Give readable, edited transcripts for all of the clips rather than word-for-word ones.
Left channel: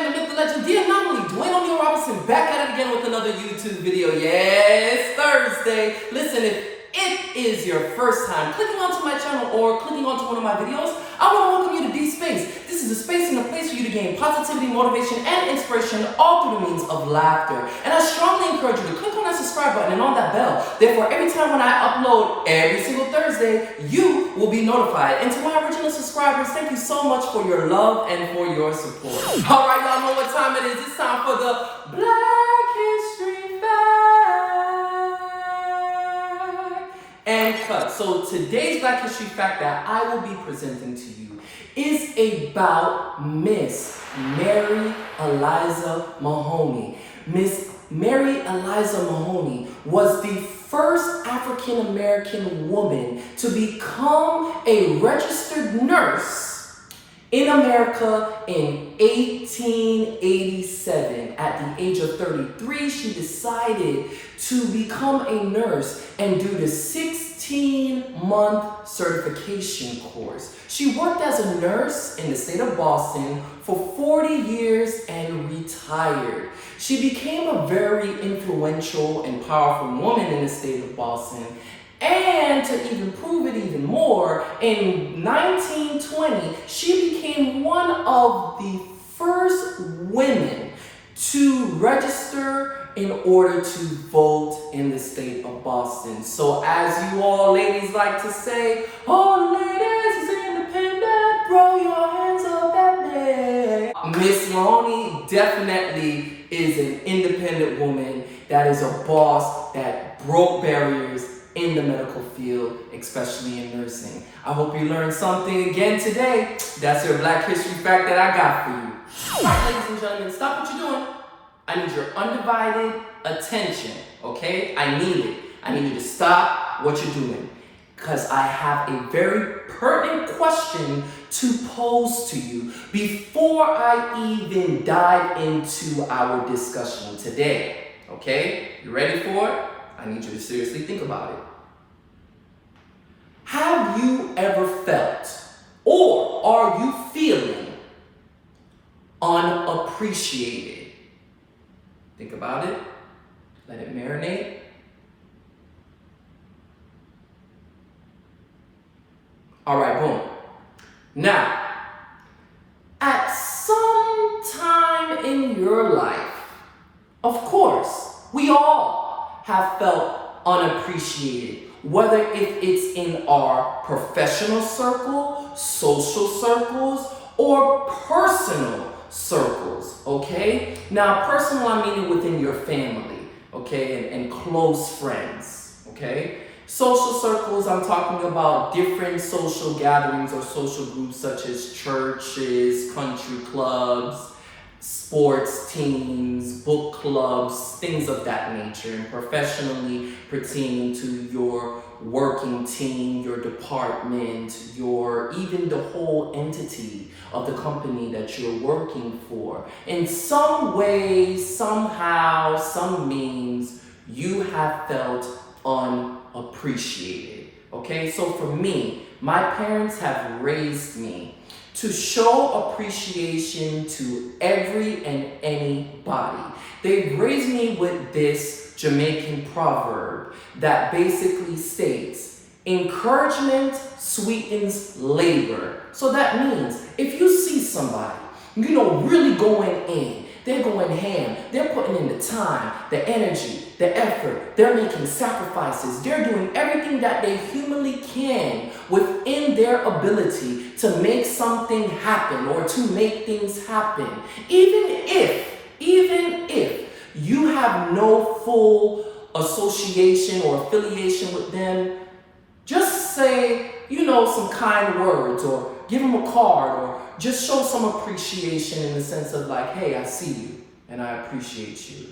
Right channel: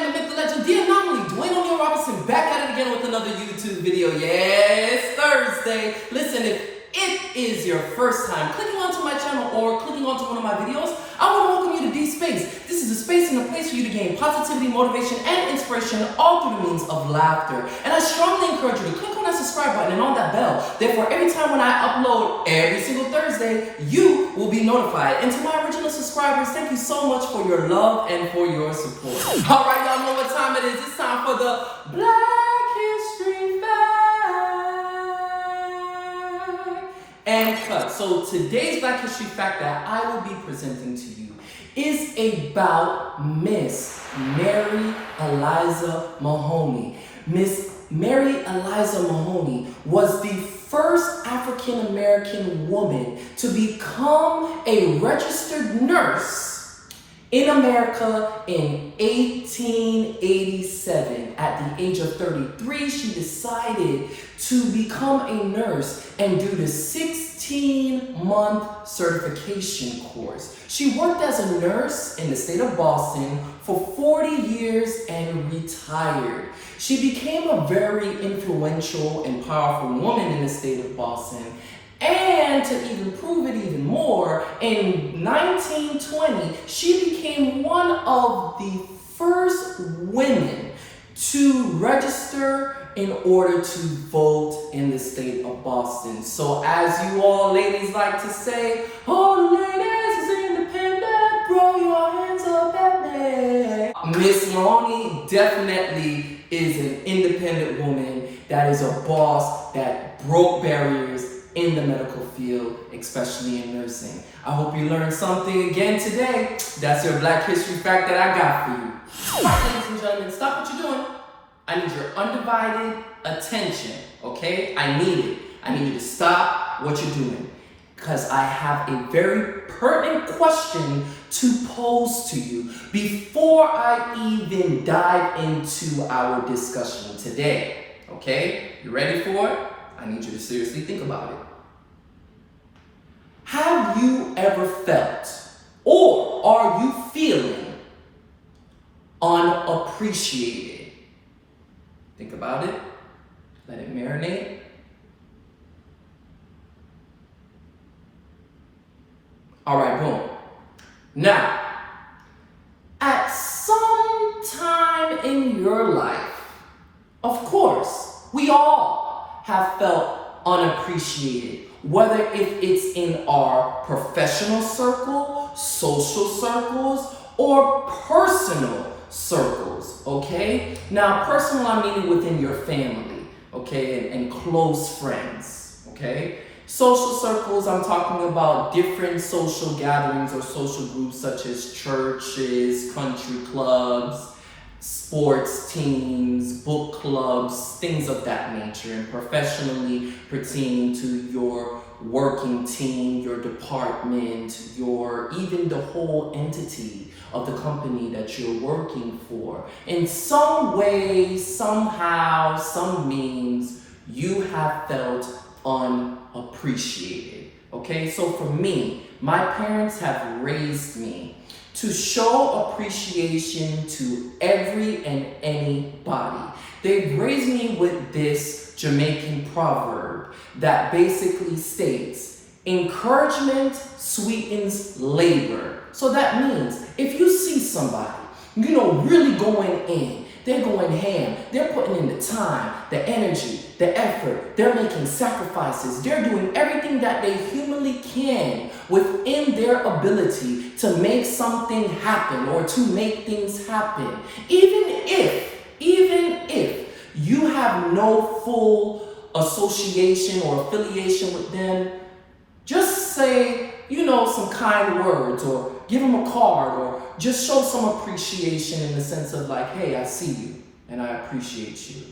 man, the myth, the legend, the anomaly, Dwayne O'Neal Robinson, back at it again with another YouTube video. Yes, Thursday. Listen, if it is your first time clicking onto my channel or clicking onto one of my videos, I want to welcome you to D Space. This is a space and a place for you to gain positivity, motivation, and inspiration, all through the means of laughter. And I strongly encourage you to click on that subscribe button and on that bell. Therefore, every time when I upload every single Thursday, you will be notified. And to my original subscribers, thank you so much for your love and for your support. All right, y'all know what time it is. It's time for the Black History Fact and cut. So today's Black History Fact that I will be presenting to you is about Miss Mary Eliza Mahoney. Miss Mary Eliza Mahoney was the first African American woman to become a registered nurse in America in 1887. At the age of 33, she decided to become a nurse and do the 16-month certification course. She worked as a nurse in the state of Boston for 40 years and retired. She became a very influential and powerful woman in the state of Boston. And to even prove it even more, in 1920, she became one of the first women to register in order to vote in the state of Boston. So as you all ladies like to say, all the ladies is independent, throw your hands up at me. Miss Mahoney definitely is an independent woman that is a boss that broke barriers in the medical field, especially in nursing. I hope you learned something again today. That's your Black History Fact that I got for you. All right, ladies and gentlemen, stop what you're doing. I need your undivided attention, okay? I need it. I need you to stop what you're doing because I have a very pertinent question to pose to you before I even dive into our discussion today, okay? You ready for it? I need you to seriously think about it. Have you ever felt, or are you feeling unappreciated? Think about it. Let it marinate. All right, boom. Now, at some time in your life, of course, we all have felt unappreciated, whether if it's in our professional circle, social circles, or personal circles, okay? Now, personal, I'm meaning within your family, okay, and close friends, okay? Social circles, I'm talking about different social gatherings or social groups such as churches, country clubs, sports teams, book clubs, things of that nature, and professionally pertaining to your working team, your department, even the whole entity of the company that you're working for. In some way, somehow, some means, you have felt unappreciated. Okay, so for me, my parents have raised me to show appreciation to every and anybody. They've raised me with this Jamaican proverb that basically states, encouragement sweetens labor. So that means if you see somebody, really going in, they're going ham, they're putting in the time, the energy, the effort, they're making sacrifices, they're doing everything that they humanly can within their ability to make something happen or to make things happen. Even if you have no full association or affiliation with them, just say, some kind words or give them a card or just show some appreciation in the sense of like, hey, I see you and I appreciate you.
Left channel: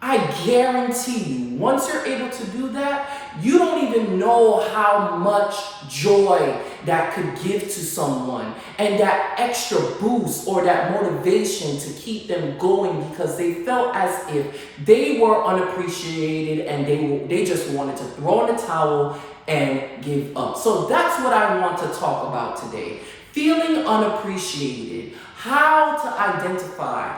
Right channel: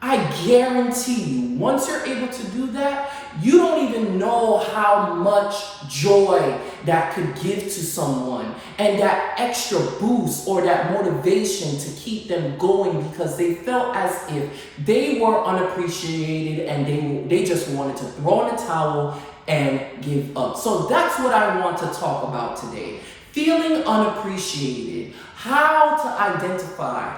I guarantee you, once you're able to do that, you don't even know how much joy that could give to someone and that extra boost or that motivation to keep them going because they felt as if they were unappreciated and they just wanted to throw in the towel and give up. So that's what I want to talk about today. Feeling unappreciated, how to identify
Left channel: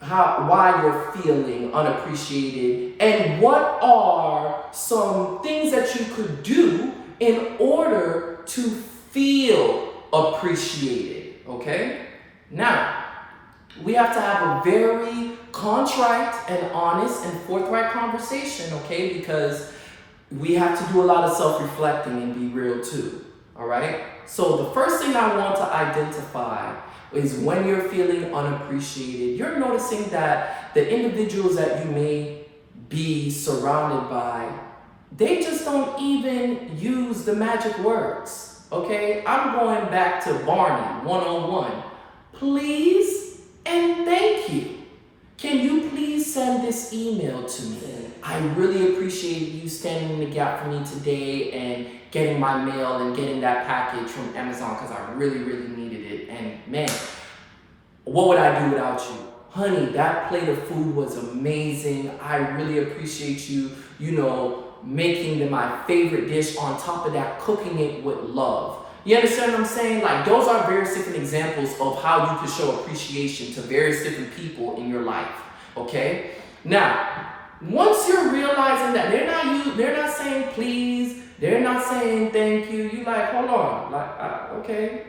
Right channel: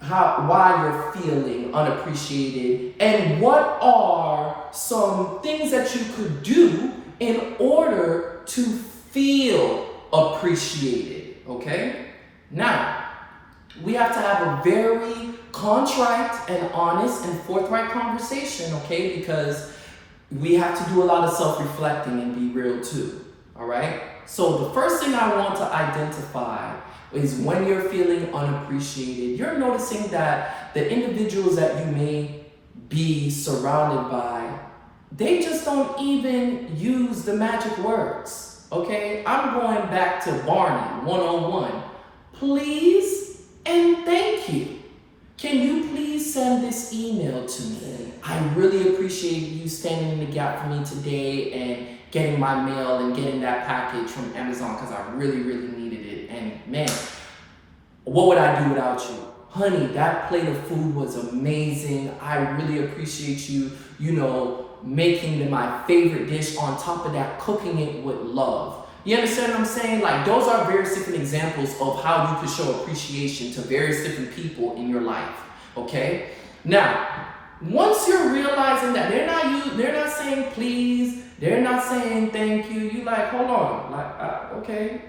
why you're feeling unappreciated, and what are some things that you could do in order to feel appreciated, okay? Now, we have to have a very contrite and honest and forthright conversation, okay? Because we have to do a lot of self-reflecting and be real too, all right? So the first thing I want to identify is when you're feeling unappreciated, you're noticing that the individuals that you may be surrounded by, they just don't even use the magic words, okay? I'm going back to Barney 101. Please and thank you. Can you please send this email to me? I really appreciate you standing in the gap for me today and getting my mail and getting that package from Amazon because I really, really needed it. And man, what would I do without you? Honey, that plate of food was amazing. I really appreciate you, making my favorite dish. On top of that, cooking it with love. You understand what I'm saying? Like, those are various different examples of how you could show appreciation to various different people in your life, okay? Now, once you're realizing that they're not saying please, they're not saying thank you, you like, hold on, okay,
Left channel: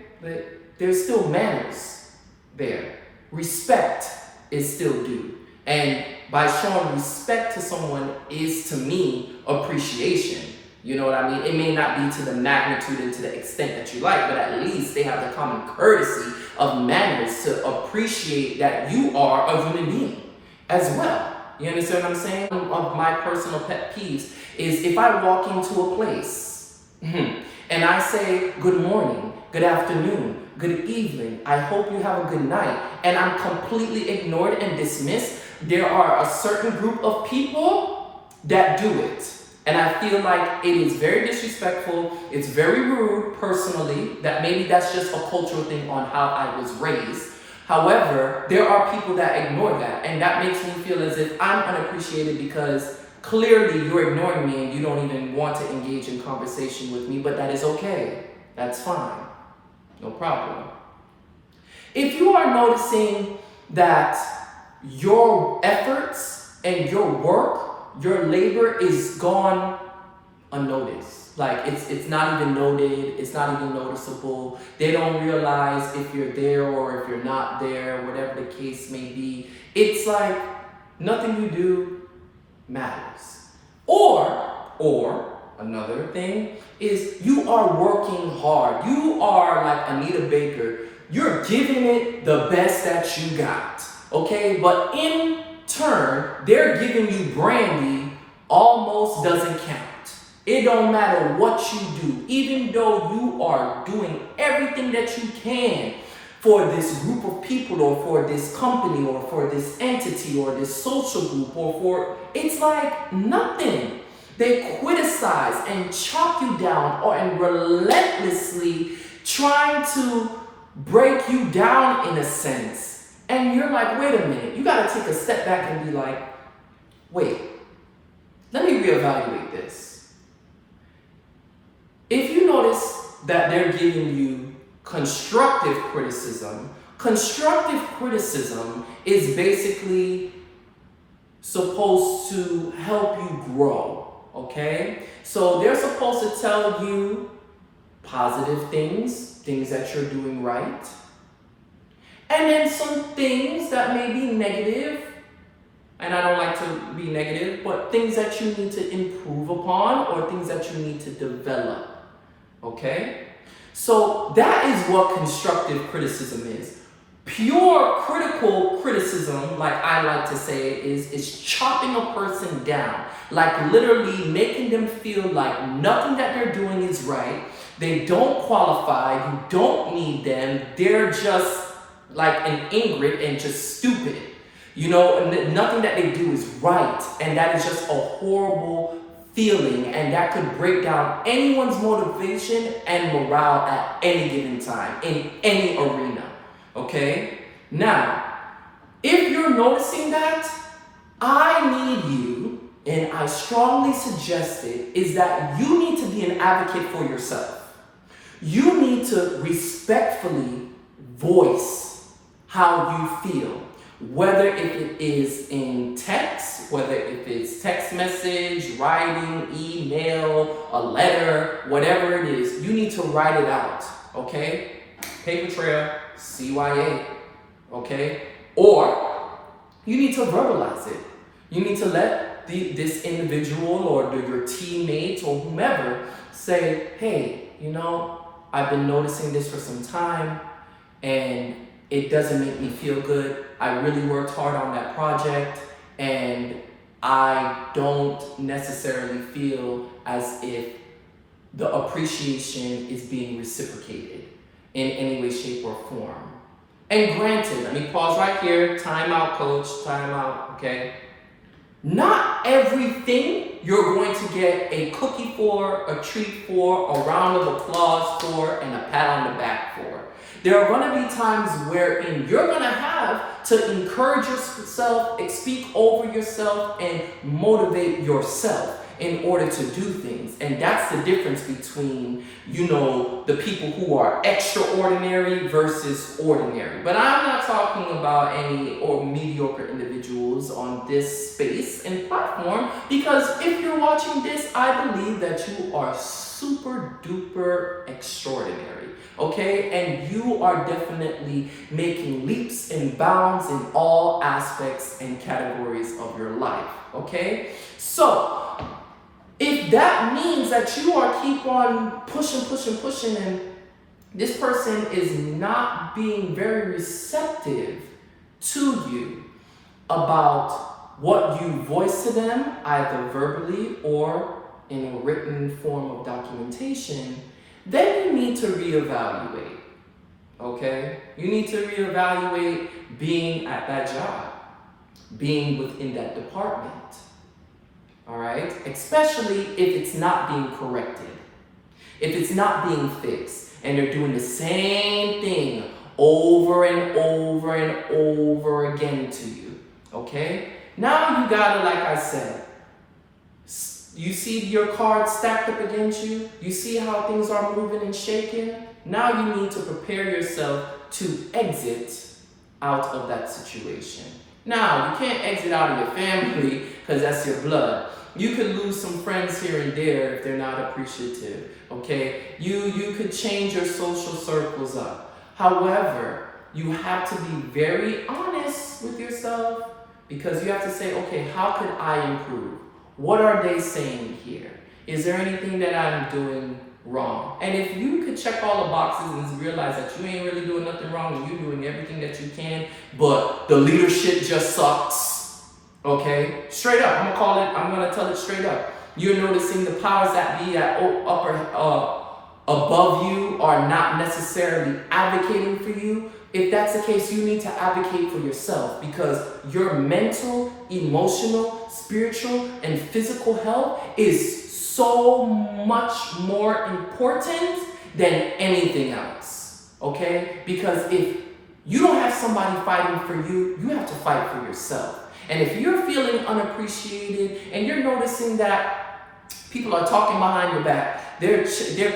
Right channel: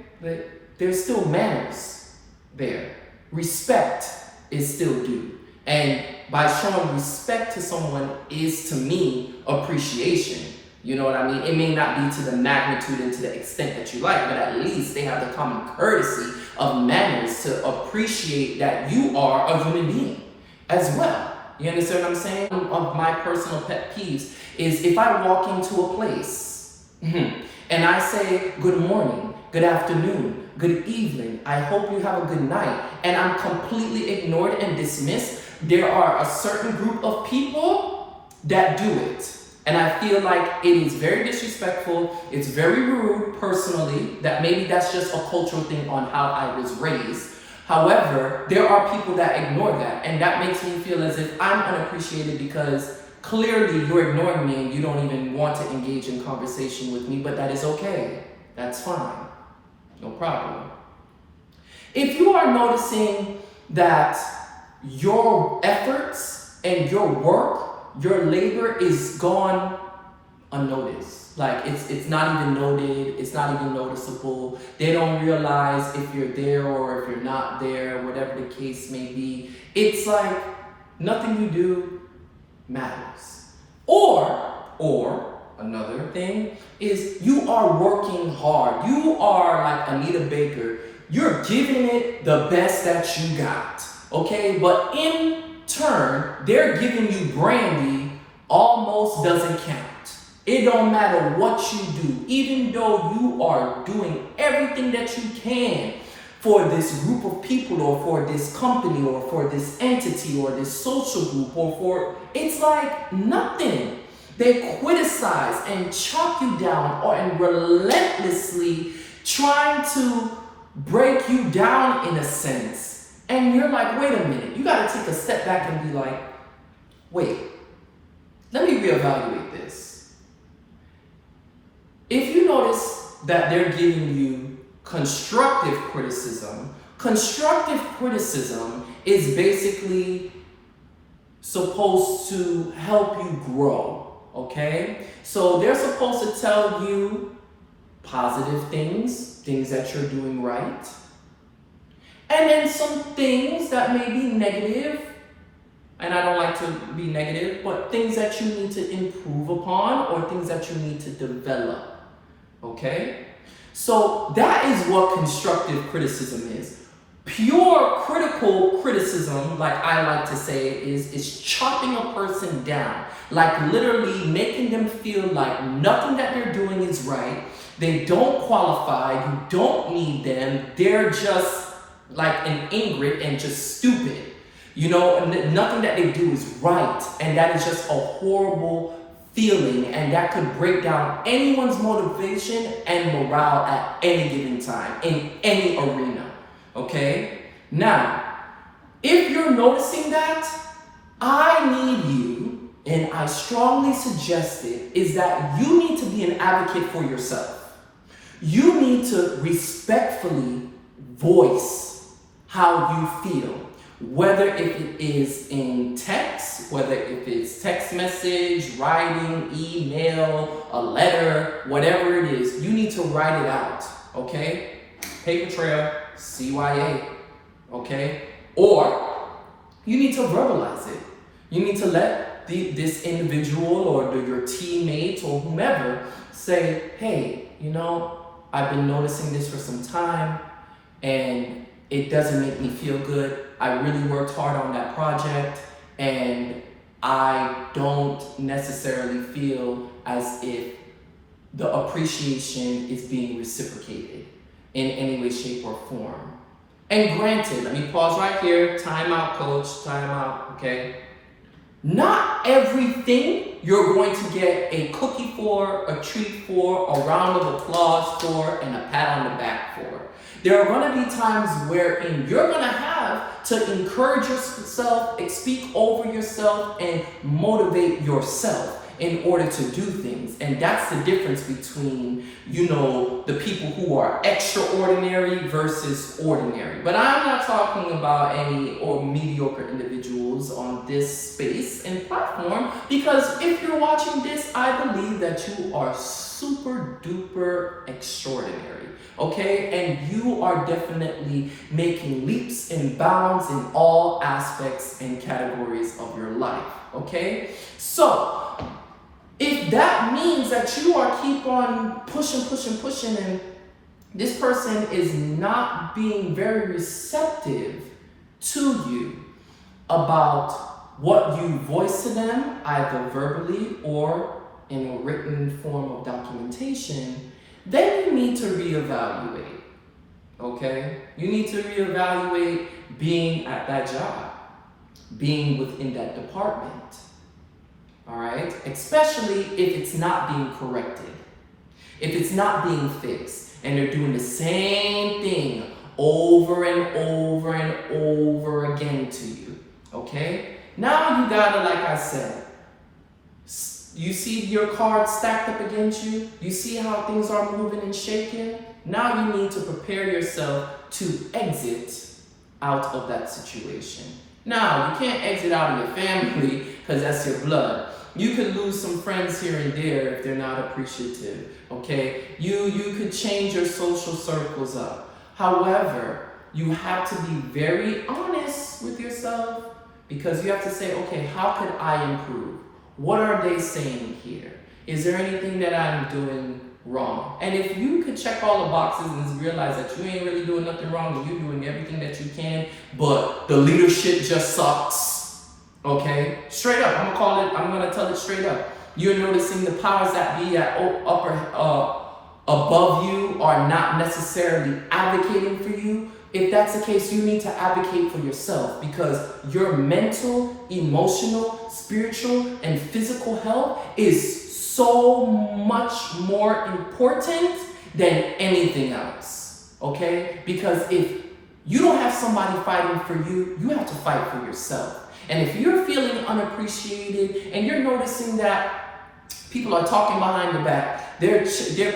there's still manners there. Respect is still due. And by showing respect to someone is, to me, appreciation. You know what I mean? It may not be to the magnitude and to the extent that you like, but at least they have the common courtesy of manners to appreciate that you are a human being as well. You understand what I'm saying? One of my personal pet peeves is if I walk into a place and I say, good morning, good afternoon, good evening, I hope you have a good night, and I'm completely ignored and dismissed, there are a certain group of people that do it. And I feel like it is very disrespectful. It's very rude, personally, that maybe that's just a cultural thing on how I was raised. However, there are people that ignore that, and that makes me feel as if I'm unappreciated because clearly you're ignoring me and you don't even want to engage in conversation with me, but that is okay. That's fine. No problem. If you are noticing that your efforts and your work, your labor is gone unnoticed. Like it's not even noted, it's not even noticeable. They don't realize if you're there or if you're not there, whatever the case may be. It's like nothing you do matters. Or another thing is you are working hard. You are like Anita Baker. You're giving it the best that you got. Okay? But in turn, they're giving you brandy almost doesn't count. It don't matter what you do, even though you are doing everything that you can for this group of people or for this company or for this entity or this social group it's like nothing. They criticize and chop you down and relentlessly trying to break you down in a sense. And you're like, wait a minute, you gotta take a step back and be like, wait, let me reevaluate this. If you notice that they're giving you constructive criticism is basically supposed to help you grow, okay? So they're supposed to tell you positive things that you're doing right. And then some things that may be negative, and I don't like to be negative, but things that you need to improve upon or things that you need to develop, okay? So that is what constructive criticism is. Pure critical criticism, like I like to say, is chopping a person down, like literally making them feel like nothing that they're doing is right. They don't qualify, you don't need them, they're just like an ingrid and just stupid. Nothing that they do is right. And that is just a horrible feeling. And that could break down anyone's motivation and morale at any given time in any arena. Okay? Now, if you're noticing that, I need you, and I strongly suggest it, is that you need to be an advocate for yourself. You need to respectfully voice how you feel. Whether if it is in text, whether if it's text message, writing, email, a letter, whatever it is, you need to write it out, okay? Paper trail, CYA, okay? Or you need to verbalize it. You need to let this individual or your teammate or whomever say, hey, you know, I've been noticing this for some time and it doesn't make me feel good. I really worked hard on that project and I don't necessarily feel as if the appreciation is being reciprocated in any way, shape, or form. And granted, let me pause right here. Time out, coach. Time out, okay? Not everything you're going to get a cookie for, a treat for, a round of applause for, and a pat on the back for. There are going to be times wherein you're going to have to encourage yourself, speak over yourself, and motivate yourself in order to do things. And that's the difference between, you know, the people who are extraordinary versus ordinary. But I'm not talking about any or mediocre individuals on this space and platform, because if you're watching this, I believe that you are super duper extraordinary, okay? And you are definitely making leaps and bounds in all aspects and categories of your life, okay? So, if that means that you are keep on pushing, and this person is not being very receptive to you about what you voice to them, either verbally or in a written form of documentation, then you need to reevaluate, okay? You need to reevaluate being at that job, being within that department. All right, especially if it's not being corrected, if it's not being fixed, and they're doing the same thing over and over and over again to you, okay? Now you gotta, like I said, you see your cards stacked up against you, you see how things are moving and shaking. Now you need to prepare yourself to exit out of that situation. Now, you can't exit out of your family because that's your blood. You could lose some friends here and there if they're not appreciative, okay? You could change your social circles up. However, you have to be very honest with yourself, because you have to say, okay, how could I improve? What are they saying here? Is there anything that I'm doing wrong? And if you could check all the boxes and realize that you ain't really doing nothing wrong and you're doing everything that you can, but the leadership just sucks, okay? Straight up, I'm gonna tell it straight up. You're noticing the powers that be at above you are not necessarily advocating for you. If that's the case, you need to advocate for yourself, because your mental, emotional, spiritual, and physical health is so much more important than anything else, okay? Because if you don't have somebody fighting for you, you have to fight for yourself. And if you're feeling unappreciated and you're noticing that people are talking behind your back, they're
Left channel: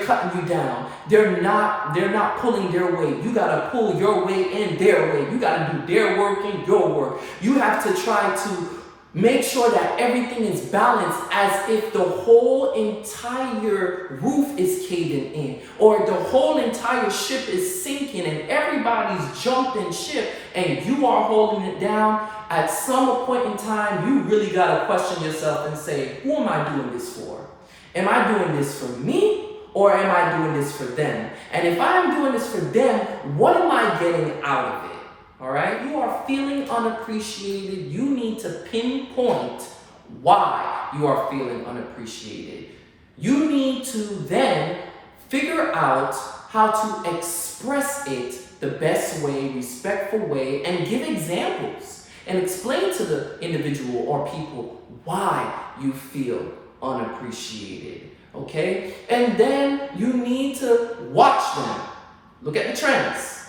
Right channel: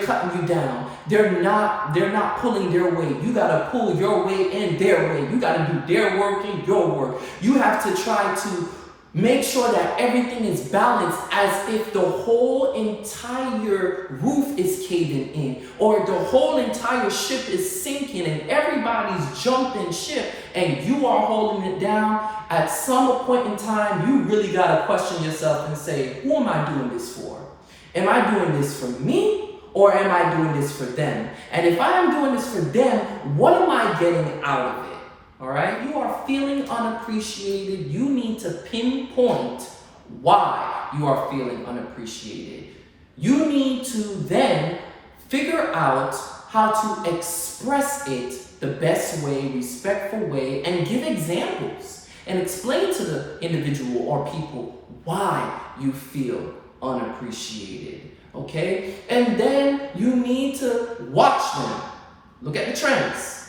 cutting you down, they're not pulling their weight. You gotta pull your weight and their weight. You gotta do their work and your work. You have to try to make sure that everything is balanced, as if the whole entire roof is caving in, or the whole entire ship is sinking and everybody's jumping ship and you are holding it down. At some point in time, you really got to question yourself and say, who am I doing this for? Am I doing this for me, or am I doing this for them? And if I am doing this for them, what am I getting out of it? All right, you are feeling unappreciated. You need to pinpoint why you are feeling unappreciated. You need to then figure out how to express it the best way, respectful way, and give examples and explain to the individual or people why you feel unappreciated, okay? And then you need to watch them. Look at the trends,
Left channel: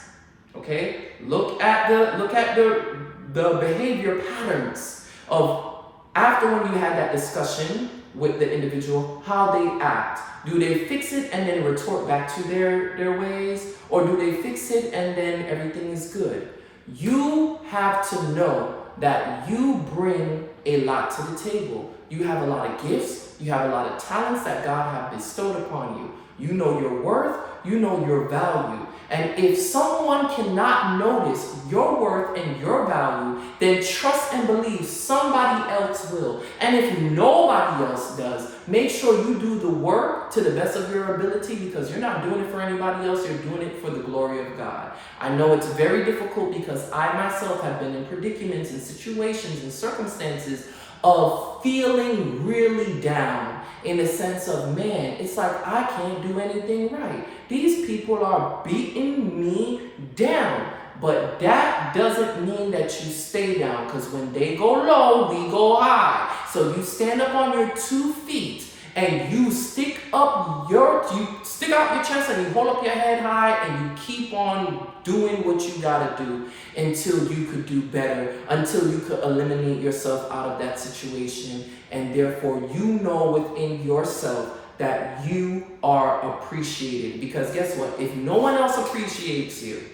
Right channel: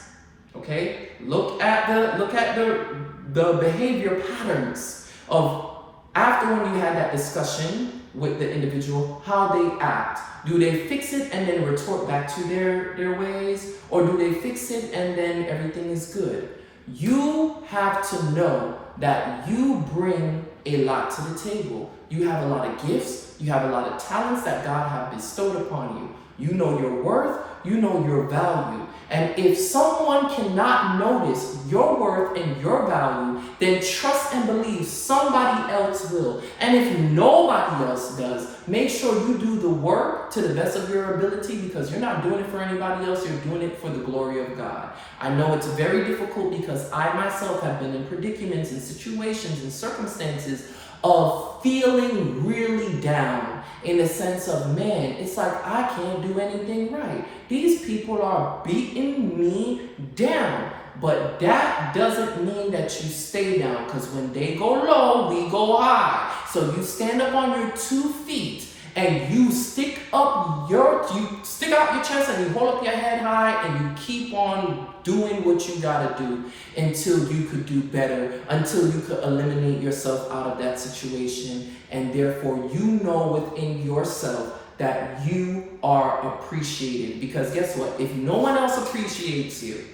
okay? Look at the behavior patterns of after when you had that discussion with the individual, how they act. Do they fix it and then retort back to their ways? Or do they fix it and then everything is good? You have to know that you bring a lot to the table. You have a lot of gifts. You have a lot of talents that God has bestowed upon you. You know your worth. You know your value. And if someone cannot notice your worth and your value, then trust and believe somebody else will. And if nobody else does, make sure you do the work to the best of your ability, because you're not doing it for anybody else. You're doing it for the glory of God. I know it's very difficult because I myself have been in predicaments and situations and circumstances of feeling really down, in the sense of, man, it's like I can't do anything right. These people are beating me down. But that doesn't mean that you stay down, because when they go low, we go high. So you stand up on your 2 feet and you stick out your chest and you hold up your head high and you keep on doing what you gotta do until you could do better, until you could eliminate yourself out of that situation. And therefore, you know within yourself that you are appreciated. Because guess what? If no one else appreciates you,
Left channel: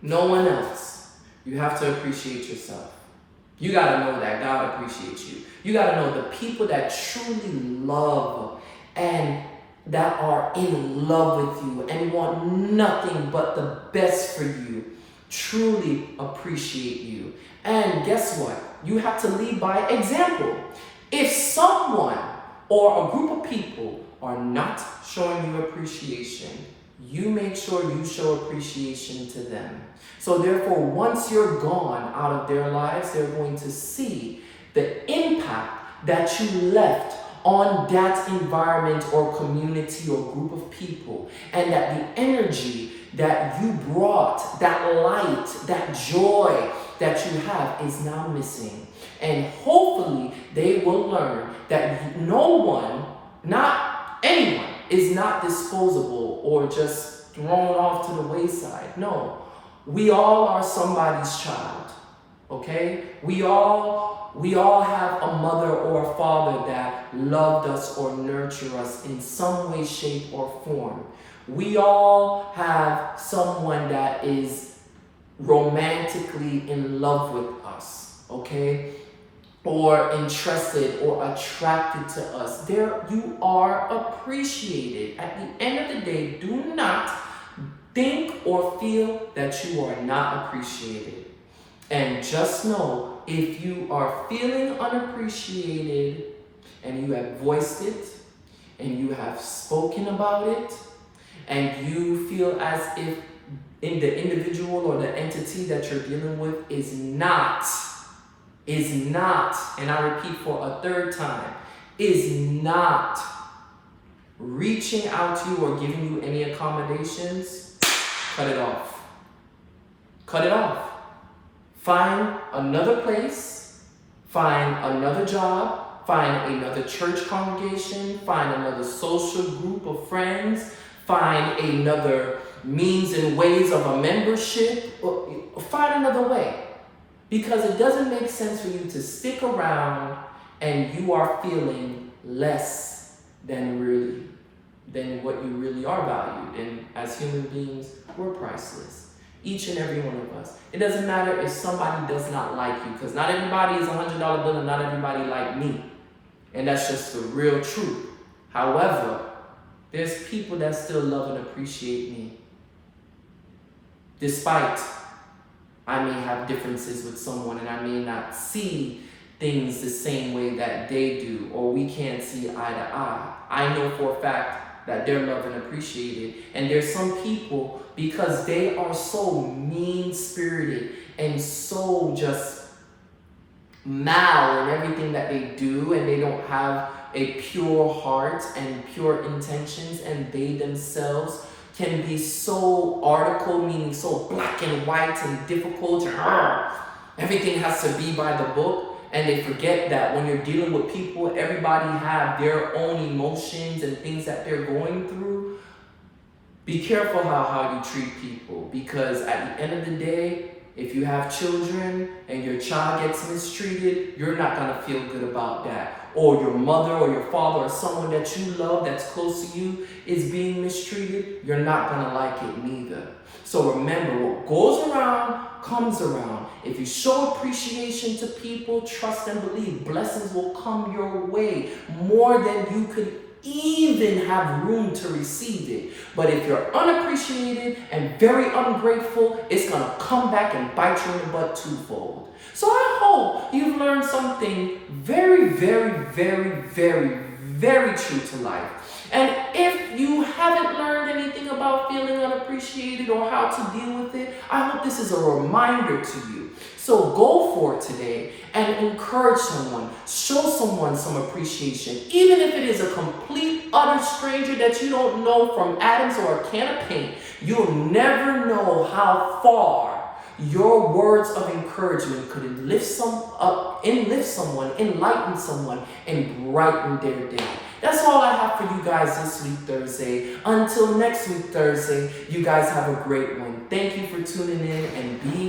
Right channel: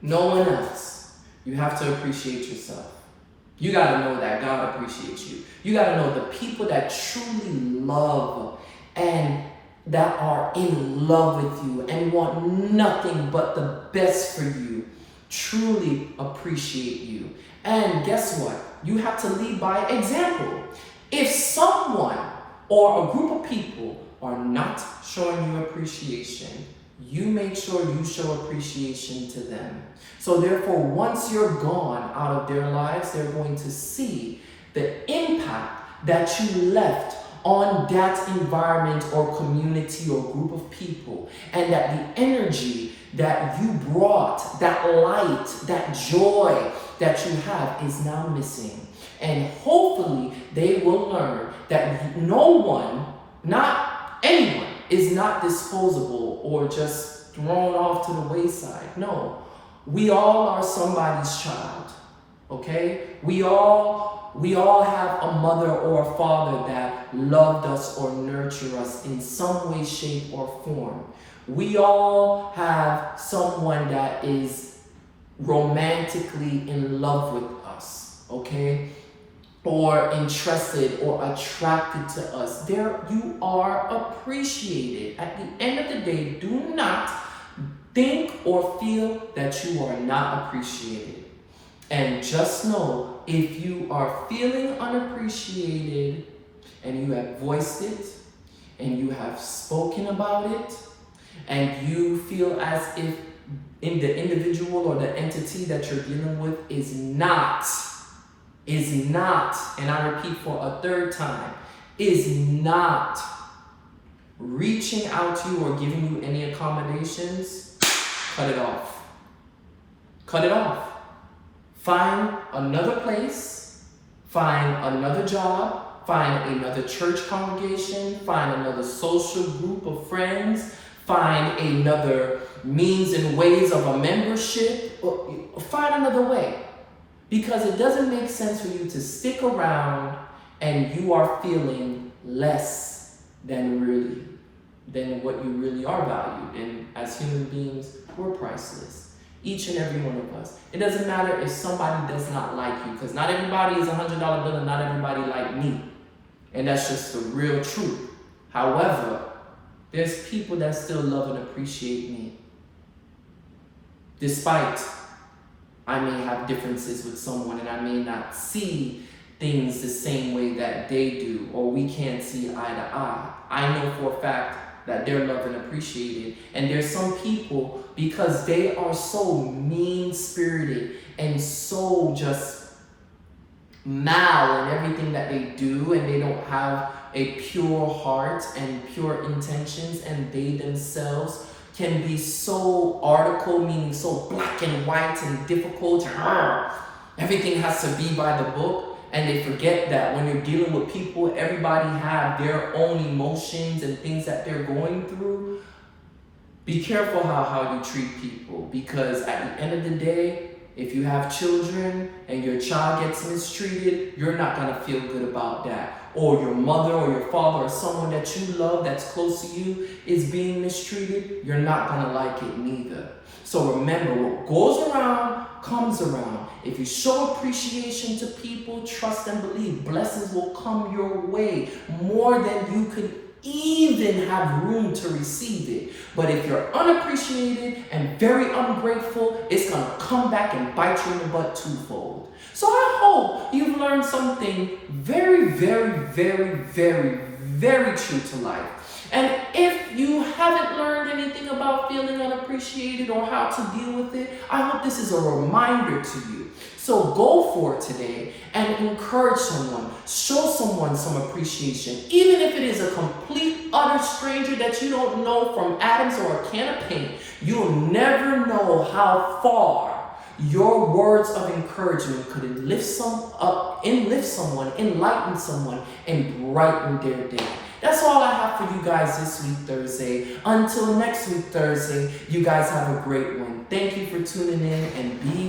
no one else, you have to appreciate yourself. You got to know that God appreciates you. You got to know the people that truly love and that are in love with you and want nothing but the best for you truly appreciate you. And guess what? You have to lead by example. If someone or a group of people are not showing you appreciation, you make sure you show appreciation to them. So therefore, once you're gone out of their lives, they're going to see the impact that you left on that environment or community or group of people, and that the energy that you brought, that light, that joy that you have is now missing. And hopefully they will learn that no one, not anyone, is not disposable or just thrown off to the wayside. No, we all are somebody's child, okay? We all have a mother or a father that loved us or nurtured us in some way, shape, or form. We all have someone that is romantically in love with us, okay? Or interested or attracted to us. There, you are appreciated. At the end of the day, do not think or feel that you are not appreciated. And just know, if you are feeling unappreciated and you have voiced it and you have spoken about it and you feel as if in the individual or the entity that you're dealing with is not, and I repeat for a third time, is not reaching out to you or giving you any accommodations, cut it off. Cut it off. Find another place, find another job, find another church congregation, find another social group of friends, find another means and ways of a membership, find another way. Because it doesn't make sense for you to stick around and you are feeling less than what you really are valued. And as human beings, we're priceless. Each and every one of us. It doesn't matter if somebody does not like you, because not everybody is a $100 bill and not everybody like me. And that's just the real truth. However, there's people that still love and appreciate me. Despite I may have differences with someone and I may not see things the same way that they do, or we can't see eye to eye. I know for a fact that they're loved and appreciated. And there's some people, because they are so mean-spirited and so just mal in everything that they do, and they don't have a pure heart and pure intentions, and they themselves can be so article, meaning so black and white and difficult. Everything has to be by the book. And they forget that when you're dealing with people, everybody have their own emotions and things that they're going through. Be careful how you treat people, because at the end of the day, If you have children and your child gets mistreated, you're not going to feel good about that. Or your mother or your father or someone that you love that's close to you is being mistreated, you're not going to like it neither. So remember, what goes around comes around. If you show appreciation to people, trust and believe, blessings will come your way more than you could even have room to receive it. But if you're unappreciated and very ungrateful, it's going to come back and bite you in the butt twofold. So I hope you've learned something very, very, very, very, very true to life. And if you haven't learned anything about feeling unappreciated or how to deal with it, I hope this is a reminder to you. So go for it today and encourage someone, show someone some appreciation, even if it is a complete, utter stranger that you don't know from atoms or a can of paint. You'll never know how far your words of encouragement could enlift someone, enlighten someone, and brighten their day. That's all I have for you guys this week, Thursday. Until next week, Thursday, you guys have a great one. Thank you for tuning in and be